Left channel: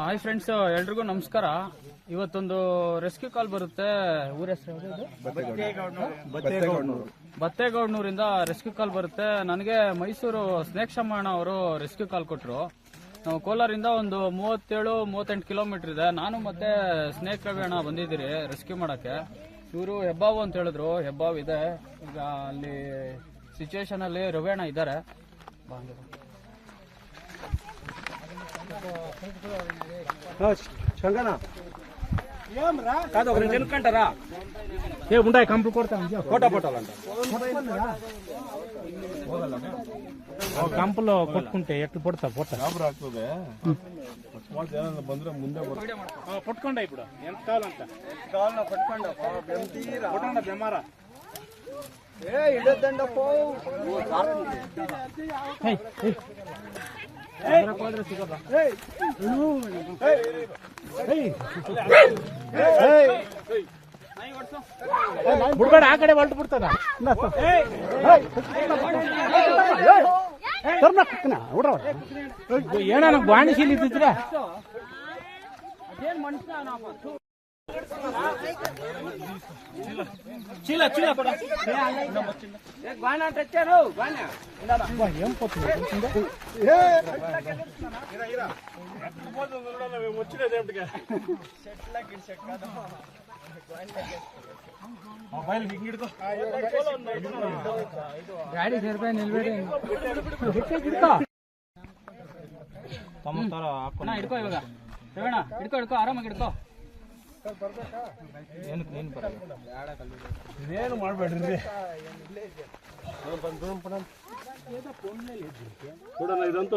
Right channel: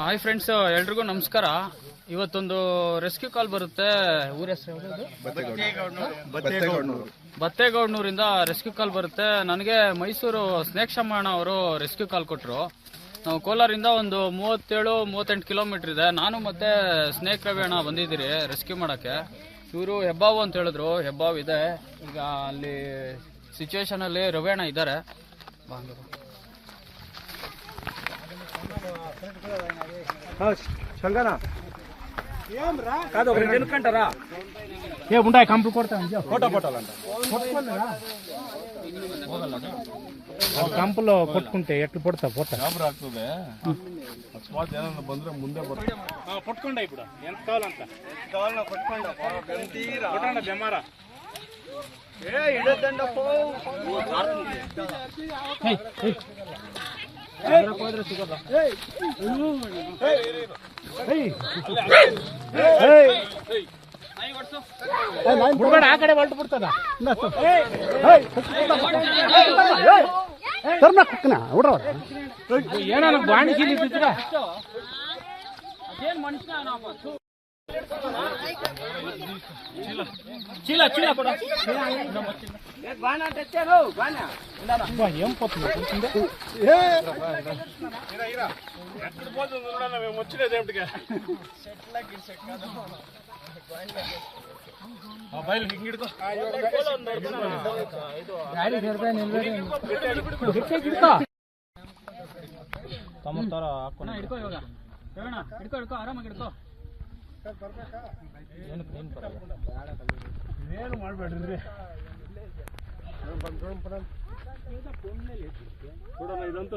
Hi friends, ಎಲ್ರಿಗೂ ನಮಸ್ಕಾರ. ಇವತ್ತೊಂದು ರೆಸ್ಕ್ಯೂ ಕಾಲ್ ಬರುತ್ತೆ. ಊರ ಹೆಸರು ಯಾವುದು? ಬತ್ತೇಗೌಡನೂರಿಂದ ರೆಸ್ಕ್ಯೂ ಕಾಲ್ ಬರುತ್ತೆ. ನನಗೆ ಮೈಸೂರು ಸ್ನೇಕ್ ಶಮಣ ಅವರು ರೆಸ್ಕ್ಯೂ ಕಾಲ್ ಕೊಟ್ಟರು. ನಾವು ಕೋಲಾರಿಂದ ಒಂದು 37-38 ಕಿಲೋಮೀಟರ್ ಇದೆ. ನಾನು ಮತ್ತೆ ಸ್ನೇಕ್ ರವಿ ಅಣ್ಣ ಬಂದಿದ್ದೀರಿ ರೆಸ್ಕ್ಯೂ ಮಾಡೋಕ್ಕೆ. ಇವರು ಹೆಬ್ಬಾವು ಅಂತ ಹೇಳಿದ್ರು. ಹೆಬ್ಬಾವು ಇದೆ ಈಗ ಅಲ್ಲಿ ಸಿಚುವೇಶನಲ್ಲಿ. ರವಿ ಅಣ್ಣ ಇದ್ದಾರೆ. కంపలో పట్టుకుంటే ఎట్లు పడతా పోతా ಆಗ್ತದೆ. ಅಕಸ್ಮಾತ್ ಏನಾದ್ರು ಬಂದ್ರೆ ಮುಂದೆ ಬರ್ತದೆ. పట్టుకోండి ఇప్పుడు ఎంత కావాలంత పట్టుకోండి బెమార ಆ ಕಡೆ ಹೊರಟು ಬಿಡ್ತದ ಏನಾದ್ರು ಬಾಣಿಸಿ ಅದೇನು ಮನುಷ್ಯ చీల చీల బాగా తెచ్చారు. ఏం పోతుంది ఎక్కడ పోతుంది మేము వచ్చినది ఏమిటిగా ಮೊಬೈಲ್ ಹಿಂಗಿಡ್ಕೋ. ಹಿಡ್ಕೋ ಇವಾಗ ರವಣ, ಹಿಡ್ಕೋ ಹಿಡ್ಕೋ, ಆರಾಮಾಗಿ ಹಿಡ್ಕೋ. ಇದೇನು ಮಾಡ್ಬೇಡ್ರಿ ಕೊಡೋಣ. ಇದಂತೂ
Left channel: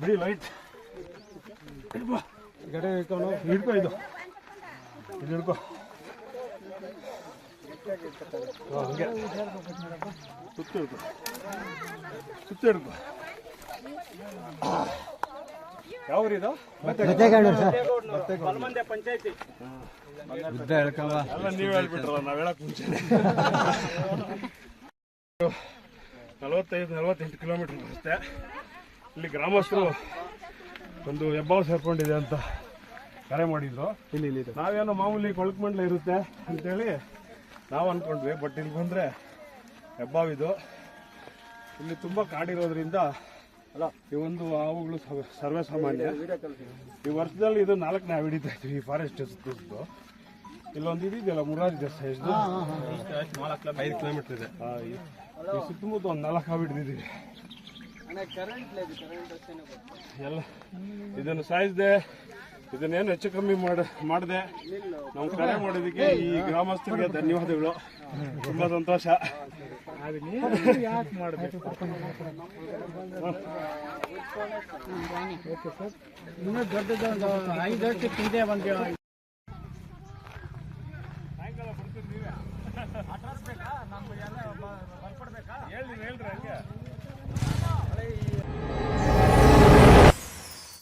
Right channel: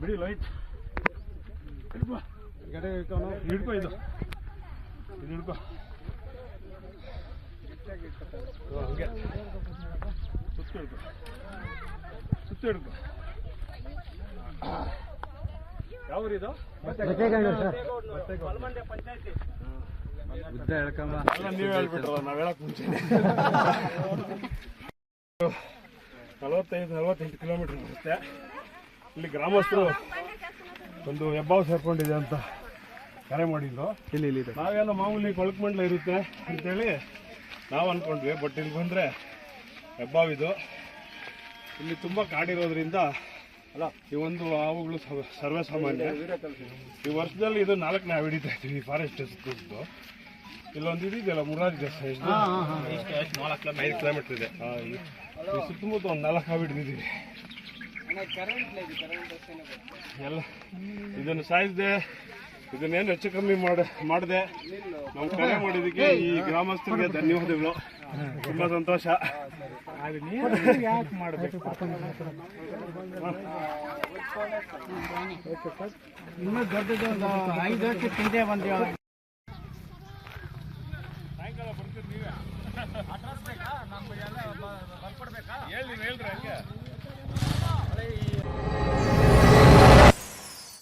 ಬಿಡಿ ಲೈಟ್ ಹಿಡ್ಕೋ. ಇದು ಹಿಡ್ಕೋ. ಹಂಗೆ ಸುತ್ತ ಹಿಡ್ಕೊ, ಸುತ್ತ ಹಿಡ್ಕೊ. ಯಾವ್ರಿದು? ಪಂಚಾಯತಿ. ಎಲ್ಲ ನೀವ್ ಹೇಳ್ಬಿಟ್ರಲ್ಲ, ನಾವ್ ಹೇಳಕ್ ಮುಂಚೆ. 45-48 ಕಿಲೋಮೀಟರ್ ಬರುತ್ತೆ. ಇಲ್ಲಿ ಗ್ರಾಮಸ್ಥರು ಒಂದು ಹೆಬ್ಬಾವು ಸೇರ್ಕೊಂಡಿದೆ ಅಂತ ಕರೆ ಮಾಡಿದ್ರು. ಇಲ್ಲಿ ನಾವೇನೋ ಮಾಮೂಲಿ ಕೊಳಕುಮಂಡ್ಲ ಇರುತ್ತೆ ಅಂತೇಳಿ ನಾವು ಅನ್ಕೊಂಡ್ವಿ. ಬಟ್ ಇಲ್ಲಿ ಬಂದರೆ ಹೆಬ್ಬಾವಿದು. ಇಲ್ಲಿ ತುಂಬ ಕಾಡಿರೋದ್ರಿಂದ ಈ ಒಂದು ಹಾವುಗಳು ಸರ್ವೇ ಸಾಮಾನ್ಯ. ಈ ವರ್ಷದಲ್ಲಿ ಇದು 4ನೇ ಹಾವು ಹಿಡಿತಾ ಇದ್ವಿ ಫಾರೆಸ್ಟ್ ಸುತ್ತು. ಇಲ್ಲೊಂದು ಇದೆಯಲ್ಲ ಮುರಾರಿ ದೇಶ, ಎಷ್ಟು 5 ಕಿಲೋಮೀಟರ್ ಇದೆ. ಈ ಸುತ್ತಮುತ್ತ ಒಂದು 4 ಹಾವು ಹಿಡಿದಿದ್ದೀವಿ. ಎಲ್ಲ ಇದನ್ನು ಸಾಯಿಸಿದೆ. ಇದನ್ನೇನು ಹೆಚ್ಚು ಕಮ್ಮಿ ಮಾಡಿದೆ. ನಾವು ಕರೆ ಮಾಡಿದ್ದಕ್ಕೆ ಈ ಗ್ರಾಮಸ್ಥರಿಗೆ ಧನ್ಯವಾದಗಳು. ತುಂಬ ಸಂತೋಷ. ಯಾಕೆ ಮಾಡಬೇಕು? ಇನ್ನೂ ದೊಡ್ಡದೊಂದು 5 ವರ್ಷಕ್ಕೆ ಹಿಂದೆ ಬಂದು ಸಾಯಂಕಾಲ ಬರ್ತೀರಿ ನೀವೇ. ಅಡ್ರೆಸ್ ಬೇಕಾ? ನಮ್ಗೆ ಎಲ್ಲ ಬರ್ಕೊಡ್ಬೇಕಾ? ಹೇಳ್ರಿ ಹಂಗೆ.